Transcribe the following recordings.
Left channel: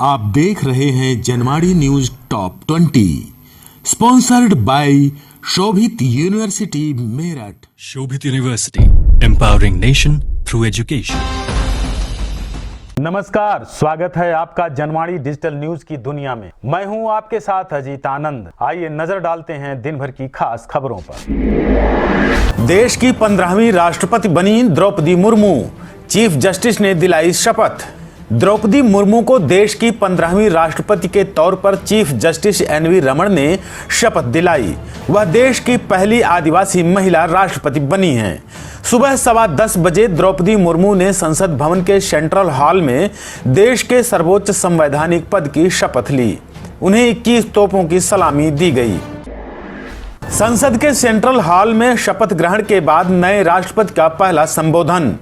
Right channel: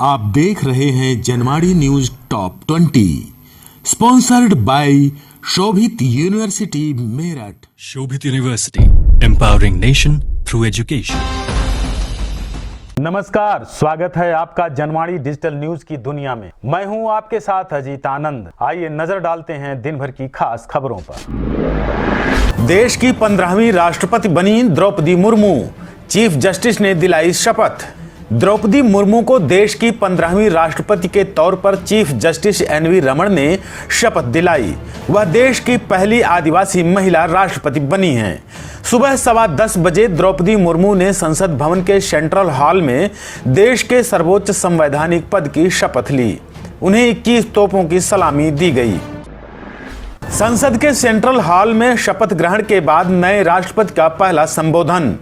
आप देख रहे हैं Janwadi news top 20 sponsored by Shobhit University Meerut. Shobhit University, empowering nation through education. नमस्कार, स्वागत है आपका जनवाड़ी डिजिटल न्यूज की दुनिया में। मैं हूं आपके साथ अजीत आनंद। आइए नजर डालते हैं दिन भर की खास खबरों पर। देश की 15वीं राष्ट्रपति बनी द्रौपदी मुर्मू, चीफ जस्टिस ने दिलाई शपथ। द्रौपदी मुर्मू को देश की 15वीं राष्ट्रपति के तौर पर चीफ जस्टिस एनवी रमन ने शपथ दिलाई। वह देश की पहली आदिवासी महिला राष्ट्रपति बनी हैं। सुबह 10:15 बजे द्रौपदी मुर्मू ने संसद भवन के सेंट्रल हॉल में देश के सर्वोच्च संवैधानिक पद की शपथ ली। उन्हें 21 तोपों की सलामी दी गई। संसद के सेंट्रल हॉल में शपथ ग्रहण के बाद नए राष्ट्रपति का पहला संबोधन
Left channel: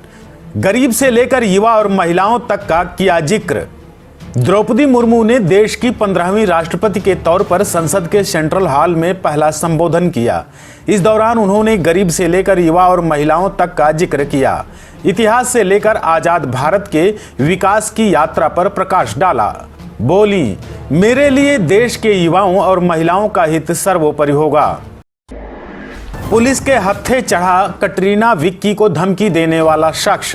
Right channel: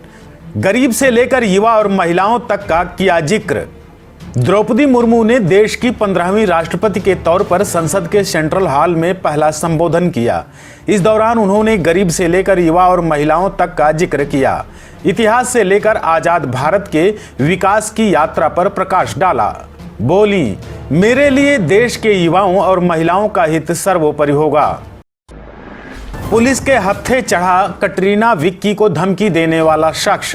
गरीब से लेकर युवा और महिलाओं तक का किया जिक्र। द्रौपदी मुर्मू ने देश की 15वीं राष्ट्रपति के तौर पर संसद के सेंट्रल हॉल में पहला संबोधन किया। इस दौरान उन्होंने गरीब से लेकर युवा और महिलाओं तक का जिक्र किया। इतिहास से लेकर आजाद भारत के विकास की यात्रा पर प्रकाश डाला। बोली, मेरे लिए देश के युवाओं और महिलाओं का हित सर्वोपरि होगा। पुलिस के हत्थे चढ़ा कटरीना विक्की को धमकी देने वाला शख्स,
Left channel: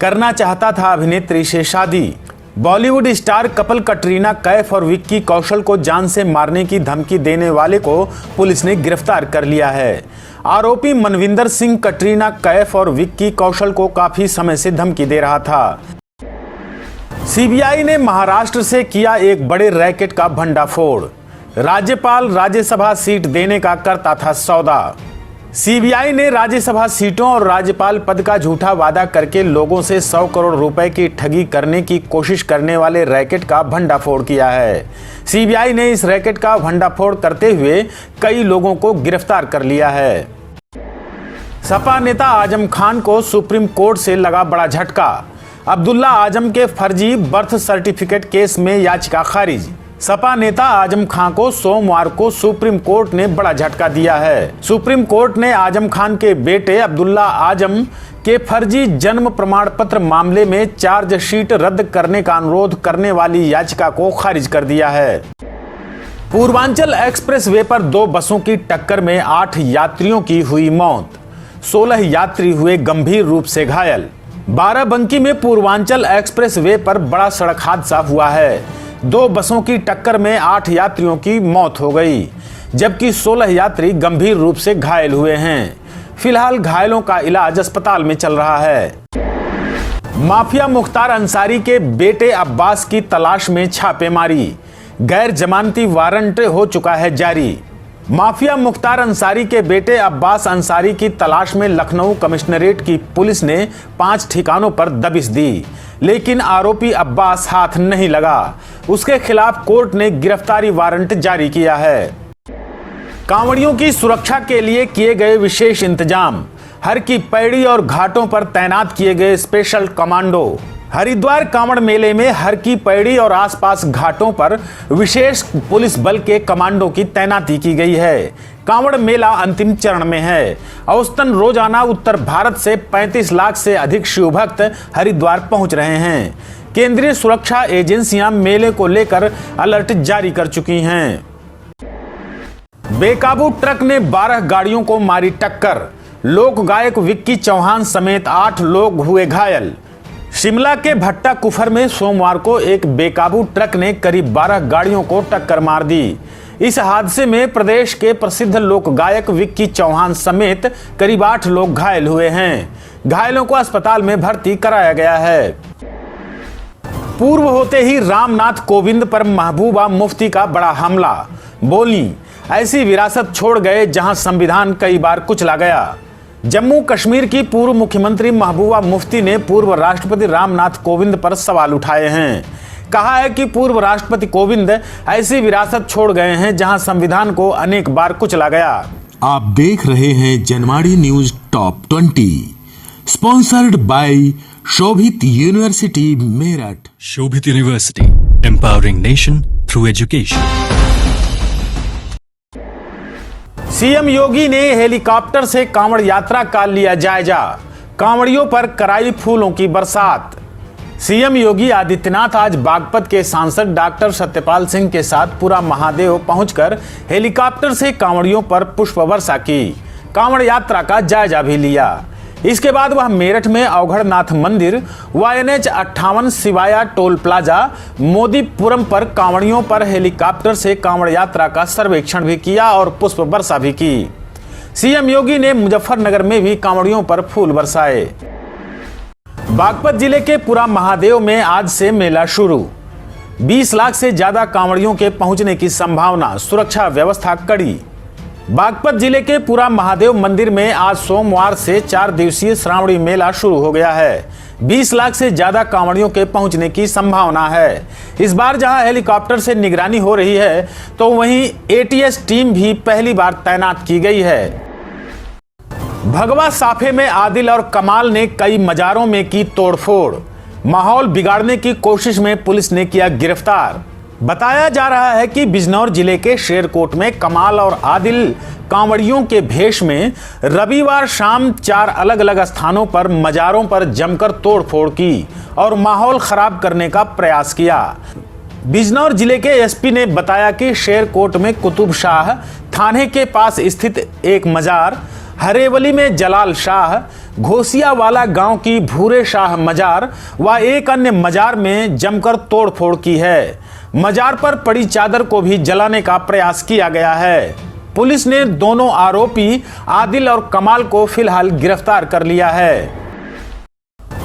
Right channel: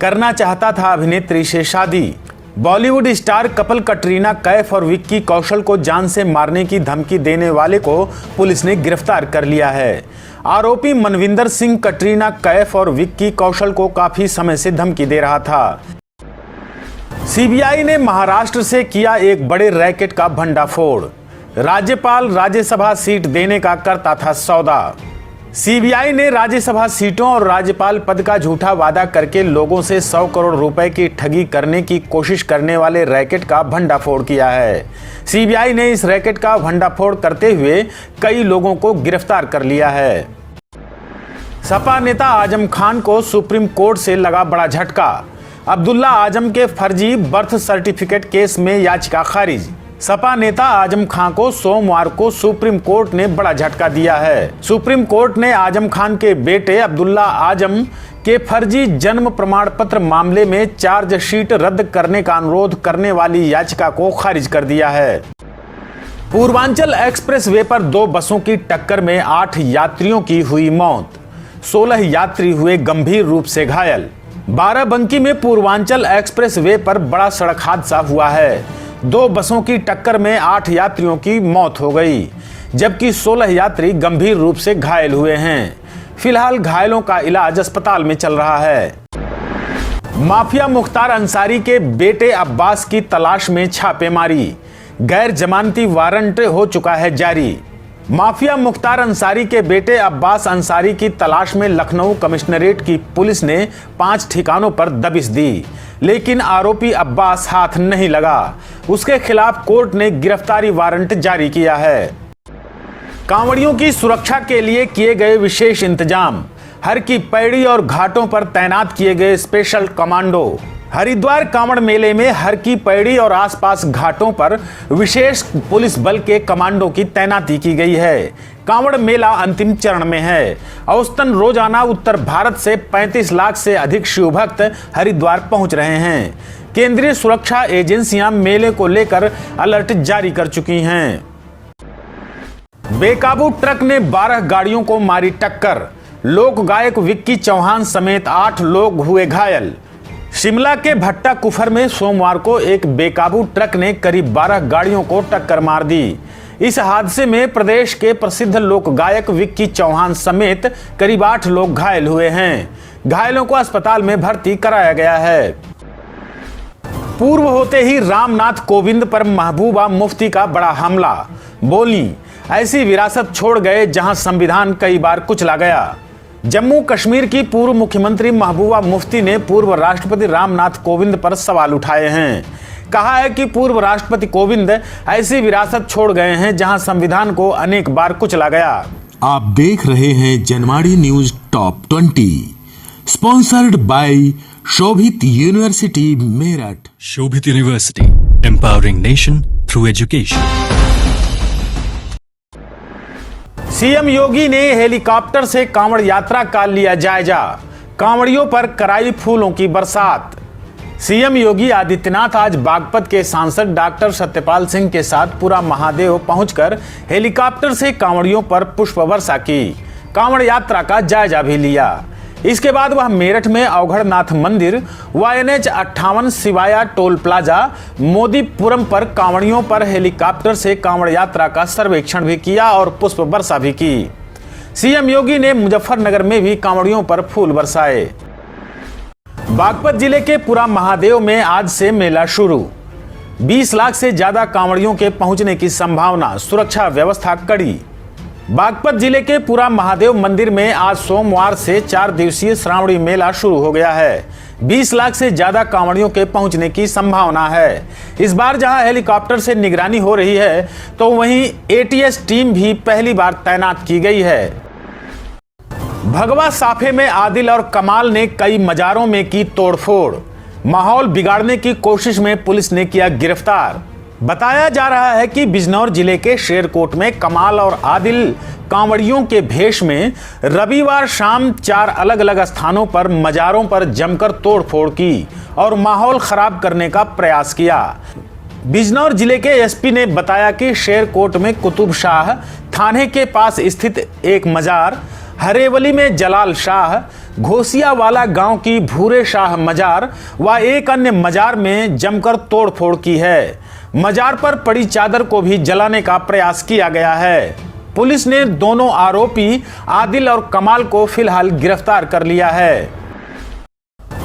करना चाहता था अभिनेत्री से शादी। बॉलीवुड स्टार कपल कटरीना कैफ और विक्की कौशल को जान से मारने की धमकी देने वाले को पुलिस ने गिरफ्तार कर लिया है। आरोपी मनविंदर सिंह कटरीना कैफ और विक्की कौशल को काफी समय से धमकी दे रहा था। सीबीआई ने महाराष्ट्र से किया एक बड़े रैकेट का भंडाफोड़। राज्यपाल राज्यसभा सीट देने का करता था सौदा। सीबीआई ने राज्यसभा सीटों और राज्यपाल पद का झूठा वादा करके लोगों से 100 करोड़ रुपए की ठगी करने की कोशिश करने वाले रैकेट का भंडाफोड़ किया है। सीबीआई ने इस रैकेट का भंडाफोड़ करते हुए कई लोगों को गिरफ्तार कर लिया है। सपा नेता आजम खान को सुप्रीम कोर्ट से लगा बड़ा झटका। अब्दुल्ला आजम के फर्जी बर्थ सर्टिफिकेट केस में याचिका खारिज। सपा नेता आजम खान को सोमवार को सुप्रीम कोर्ट ने बड़ा झटका दिया है। सुप्रीम कोर्ट ने आजम खान के बेटे अब्दुल्ला आजम के फर्जी जन्म प्रमाण पत्र मामले में चार्जशीट रद्द करने का अनुरोध करने वाली याचिका को खारिज कर दिया है। पूर्वांचल एक्सप्रेस वे पर 2 बसों की टक्कर में 8 यात्रियों की हुई मौत, 16 यात्री हुए गंभीर रूप से घायल। बाराबंकी में पूर्वांचल एक्सप्रेस वे पर बड़ा सड़क हादसा हुआ है। 2 बसों की टक्कर में 8 यात्रियों की मौत हो गई, जबकि 16 यात्री गंभीर रूप से घायल हुए हैं। फिलहाल घायलों का इलाज अस्पताल में चल रहा है। माफिया मुख्तार अंसारी के बेटे अब्बास की तलाश में छापेमारी, गैर जमानती वारंट हो चुका है जारी। माफिया मुख्तार अंसारी के बेटे अब्बास अंसारी की तलाश में लखनऊ कमिश्नरेट की पुलिस ने 5 ठिकानों पर दबिश दी, लेकिन आरोपी अब्बास हाथ नहीं लगा। उसके खिलाफ कोर्ट ने गिरफ्तारी वारंट जारी किया है। कांवड़ियों की सुरक्षा के लिए किए गए विशेष इंतजाम, हर की पैड़ी और घाटों पर तैनात किए गए स्पेशल कमांडो। हरिद्वार कांवड़ मेले में हर की पैड़ी और आसपास घाटों पर विशेष पुलिस बल के कमांडो की तैनाती की गई है। कांवड़ मेला अंतिम चरण में है। औसतन रोजाना उत्तर भारत से 35 लाख से अधिक शिव भक्त हरिद्वार पहुंच रहे हैं। केंद्रीय सुरक्षा एजेंसियां मेले को लेकर अलर्ट जारी कर चुकी हैं। बेकाबू ट्रक ने 12 गाड़ियों को मारी टक्कर, लोक गायक विक्की चौहान समेत 8 लोग हुए घायल। शिमला के भट्टा कुफर में सोमवार को एक बेकाबू ट्रक ने करीब 12 गाड़ियों को टक्कर मार दी। इस हादसे में प्रदेश के प्रसिद्ध लोक गायक विक्की चौहान समेत करीब 8 लोग घायल हुए हैं। घायलों को अस्पताल में भर्ती कराया गया है। पूर्व होते ही रामनाथ कोविंद पर महबूबा मुफ्ती का बड़ा हमला। बोली, ऐसी विरासत छोड़ गए जहां संविधान कई बार कुचला गया। जम्मू कश्मीर की पूर्व मुख्यमंत्री महबूबा मुफ्ती ने पूर्व राष्ट्रपति रामनाथ कोविंद पर सवाल उठाए हैं। कहा है कि पूर्व राष्ट्रपति कोविंद ऐसी विरासत छोड़ गए हैं जहां संविधान को अनेक बार कुचला गया। आप देख रहे हैं Janwadi news top 20 sponsored by Shobhit University Meerut. Shobhit University, empowering nation through education. CM Yogi ने हेलीकॉप्टर से कांवड़ यात्रा का लिया जायजा, कांवड़ियों पर कराई फूलों की बरसात। सीएम योगी आदित्यनाथ आज बागपत के सांसद डॉक्टर सत्यपाल सिंह के साथ पूरा महादेव पहुंचकर हेलीकॉप्टर से कांवड़ियों पर पुष्प वर्षा की, कांवड़ यात्रा का जायजा भी लिया। इसके बाद वह मेरठ में अवघड़नाथ मंदिर, NH 58 Siwaya toll plaza, Modipuram पर कांवड़ियों पर हेलीकॉप्टर से कांवड़ यात्रा का सर्वेक्षण भी किया और पुष्प वर्षा भी की। सीएम योगी ने मुजफ्फरनगर में भी कांवड़ियों पर फूल बरसाए। बागपत जिले के पूरा महादेव में आज से मेला शुरू। 20 लाख से ज्यादा कांवड़ियों के पहुंचने की संभावना, सुरक्षा व्यवस्था कड़ी। बागपत जिले के पूरा महादेव मंदिर में आज सोमवार से 4 दिवसीय श्रावणी मेला शुरू हो गया है। 20 लाख से ज्यादा कांवड़ियों के पहुंचने की संभावना है। इस बार जहां हेलीकॉप्टर से निगरानी हो रही है, तो वहीं ATS टीम भी पहली बार तैनात की गई है। भगवा साफे में आदिल और कमाल ने कई मजारों में की तोड़फोड़, माहौल बिगाड़ने की कोशिश में पुलिस ने किया गिरफ्तार। बताया जा रहा है कि बिजनौर जिले के शेरकोट में कमाल और आदिल कांवड़ियों के भेष में रविवार शाम 4 अलग अलग स्थानों पर मजारों पर जमकर तोड़फोड़ की और माहौल खराब करने का प्रयास किया। बिजनौर जिले के एसपी ने बताया कि शेरकोट में कुतुब शाह थाने के पास स्थित एक मजार, हरेवली में जलाल शाह, घोसियावाला गांव की भूरे शाह मजार व एक अन्य मजार में जमकर तोड़फोड़ की है। मजार पर पड़ी चादर को भी जलाने का प्रयास किया गया है। पुलिस ने दोनों आरोपी आदिल और कमाल को फिलहाल गिरफ्तार कर लिया है।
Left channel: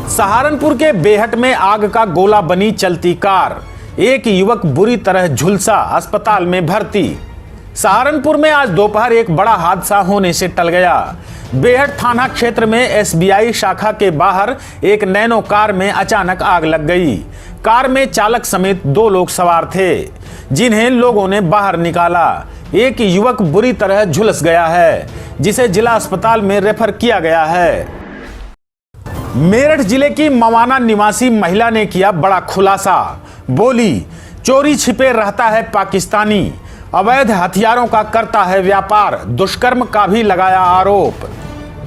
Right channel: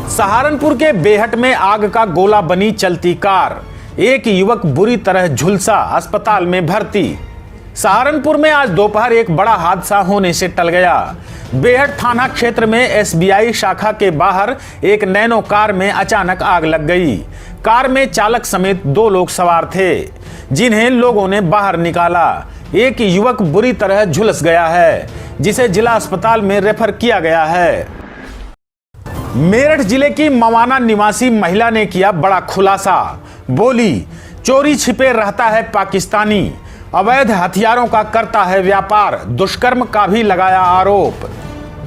सहारनपुर के बेहट में आग का गोला बनी चलती कार, एक युवक बुरी तरह झुलसा, अस्पताल में भर्ती। सहारनपुर में आज दोपहर एक बड़ा हादसा होने से टल गया। बेहट थाना क्षेत्र में SBI शाखा के बाहर एक नैनो कार में अचानक आग लग गई। कार में चालक समेत 2 लोग सवार थे, जिन्हें लोगों ने बाहर निकाला। एक युवक बुरी तरह झुलस गया है, जिसे जिला अस्पताल में रेफर किया गया है। मेरठ जिले की मवाना निवासी महिला ने किया बड़ा खुलासा, बोली चोरी छिपे रहता है पाकिस्तानी, अवैध हथियारों का करता है व्यापार, दुष्कर्म का भी लगाया आरोप।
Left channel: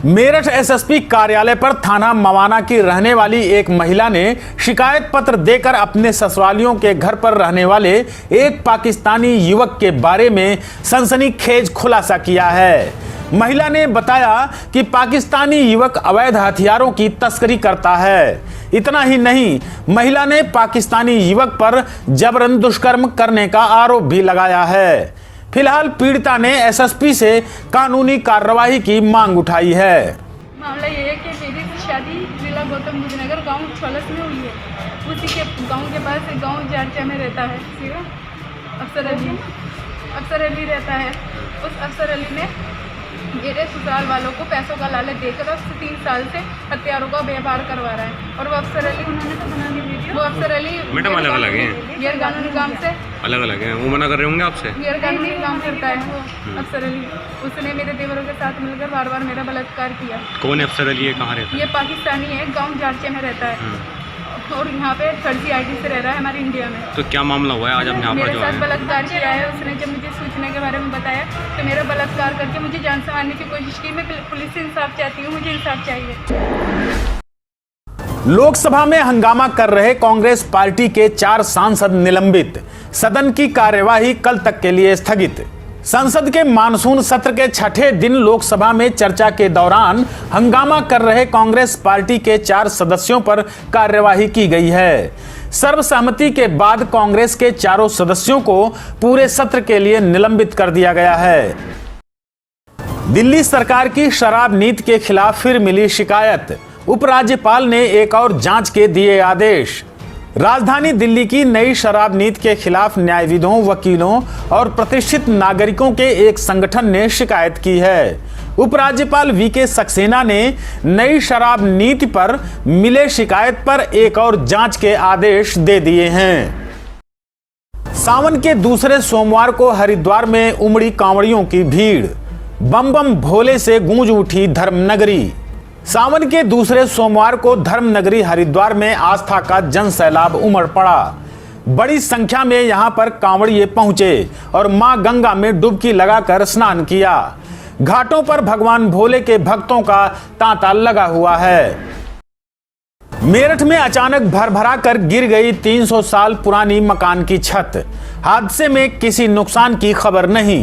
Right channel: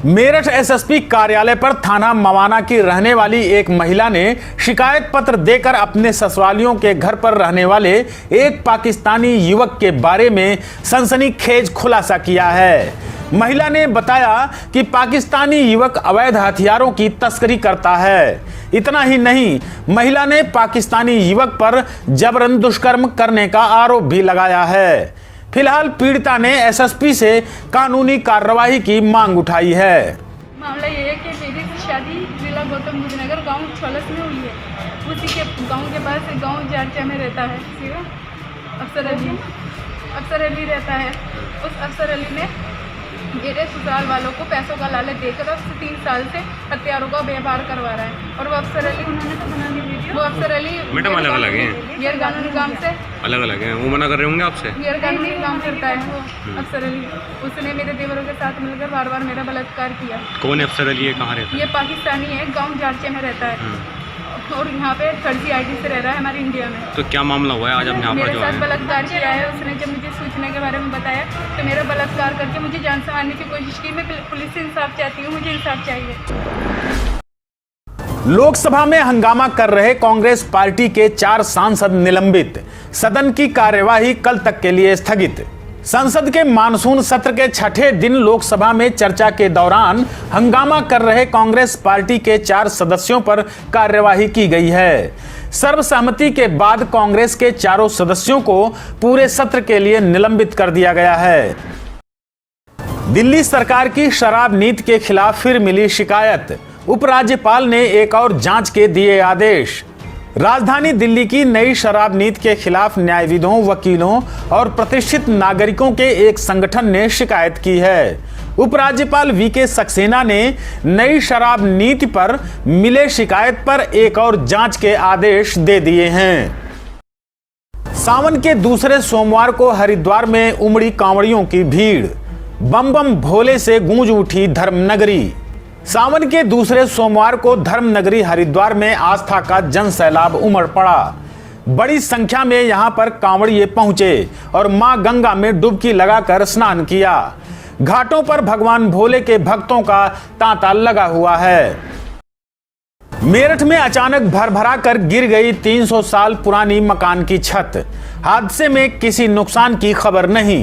मेरठ SSP कार्यालय पर थाना मवाना की रहने वाली एक महिला ने शिकायत पत्र देकर अपने ससुरालियों के घर पर रहने वाले एक पाकिस्तानी युवक के बारे में सनसनीखेज खुलासा किया है। महिला ने बताया कि पाकिस्तानी युवक अवैध हथियारों की तस्करी करता है। इतना ही नहीं, महिला ने पाकिस्तानी युवक पर जबरन दुष्कर्म करने का आरोप भी लगाया है। फिलहाल पीड़िता ने SSP से कानूनी कार्रवाई की मांग उठाई है। मामला ये है कि मेरी शादी जिला गौतम बुद्ध नगर गाँव छोलस में हुई है। उसी के गांव के पास एक गाँव जारचा में रहता है, अफसर अली रहता है। उस अफसर अली ने मेरे ससुराल वालों को पैसों का लालच देकर अब 3 साल से हथियारों का व्यापार करवा रहा है। और वो अफसर अली, उन्होंने तो बना दी वीडियो, वो अफसर अली मैडम अलग अलग हैं, गैर कानूनी काम से अलग अलग हैं, वो मना कर रहे होंगे आपसे। गैर कानूनी काम करता है वो अफसर अली। उसने मेरे देवरों के साथ मिलकर बार बार मेरा बलात्कार किया। कौन है अफसर अली, ये कहाँ रहता है? ये पाकिस्तानी है, गाँव जारचे में रहता है और यहाँ पे फर्जी ID से रह रहा है हमारे इंडिया में। तो क्या मामला हुआ है आज आप यहाँ पर मेरे जो साथ बलात्कार किया है उसने। जब मुझे सूचना के बारे में बताया तो मेरा बलात्कार करके मुझे जान से मारने की कोशिश की। मैं पुलिस से इंसाफ चाहती हूँ, मुझे इंसाफ चाहिए। लोकसभा में हंगामा कर रहे कांग्रेस पार्टी के 4 सांसद निलंबित, सदन की कार्यवाही कल तक के लिए स्थगित। संसद के मानसून सत्र के 6ठे दिन लोकसभा में चर्चा के दौरान हंगामा कर रहे कांग्रेस पार्टी के 4 सदस्यों पर कार्यवाही की गई है। सर्वसम्मति के बाद कांग्रेस के 4 सदस्यों को पूरे सत्र के लिए निलंबित कर दिया गया है। दिल्ली सरकार की शराब नीति के खिलाफ फिर मिली शिकायत, उपराज्यपाल ने एक और जांच के दिए आदेश। राजधानी दिल्ली की नई शराब नीति के खिलाफ न्यायविदों, वकीलों और प्रतिष्ठित नागरिकों के एक संगठन ने शिकायत की है। उपराज्यपाल VK सक्सेना ने नई शराब नीति पर मिले शिकायत पर एक और जांच के आदेश दे दिए हैं। सावन के दूसरे सोमवार को हरिद्वार में उमड़ी कांवड़ियों की भीड़, बम बम भोले से गूंज उठी धर्मनगरी। सावन के दूसरे सोमवार को धर्मनगरी हरिद्वार में आस्था का जन सैलाब उमड़ पड़ा। बड़ी संख्या में यहां पर कांवड़िए पहुंचे और मां गंगा में डुबकी लगाकर स्नान किया। घाटों पर भगवान भोले के भक्तों का तांता लगा हुआ है। मेरठ में अचानक भरभरा कर गिर गई 300 साल पुरानी मकान की छत। हादसे में किसी नुकसान की खबर नहीं।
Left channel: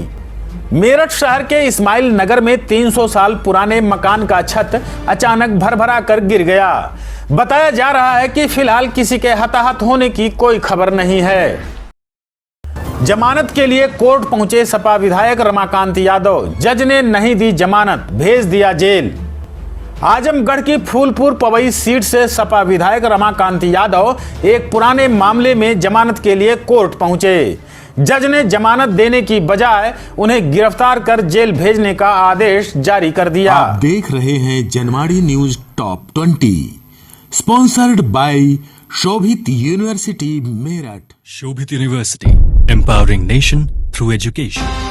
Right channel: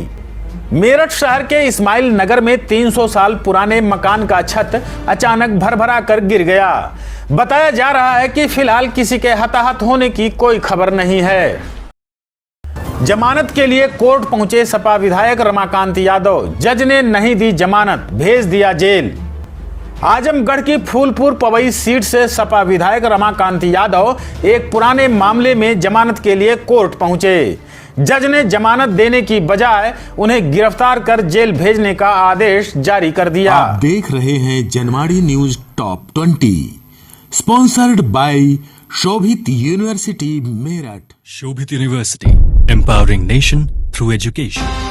मेरठ शहर के इस्माइल नगर में 300 साल पुराने मकान का छत अचानक भरभरा कर गिर गया। बताया जा रहा है कि फिलहाल किसी के हताहत होने की कोई खबर नहीं है। जमानत के लिए कोर्ट पहुंचे सपा विधायक रमाकांत यादव। जज ने नहीं दी जमानत, भेज दिया जेल। आजमगढ़ की फूलपुर पवई सीट से सपा विधायक रमाकांत यादव एक पुराने मामले में जमानत के लिए कोर्ट पहुंचे। जज ने जमानत देने की बजाय उन्हें गिरफ्तार कर जेल भेजने का आदेश जारी कर दिया। आप देख रहे हैं Janwadi news top 20, sponsored by Shobhit University Meerut. Shobhit University, empowering nation through education.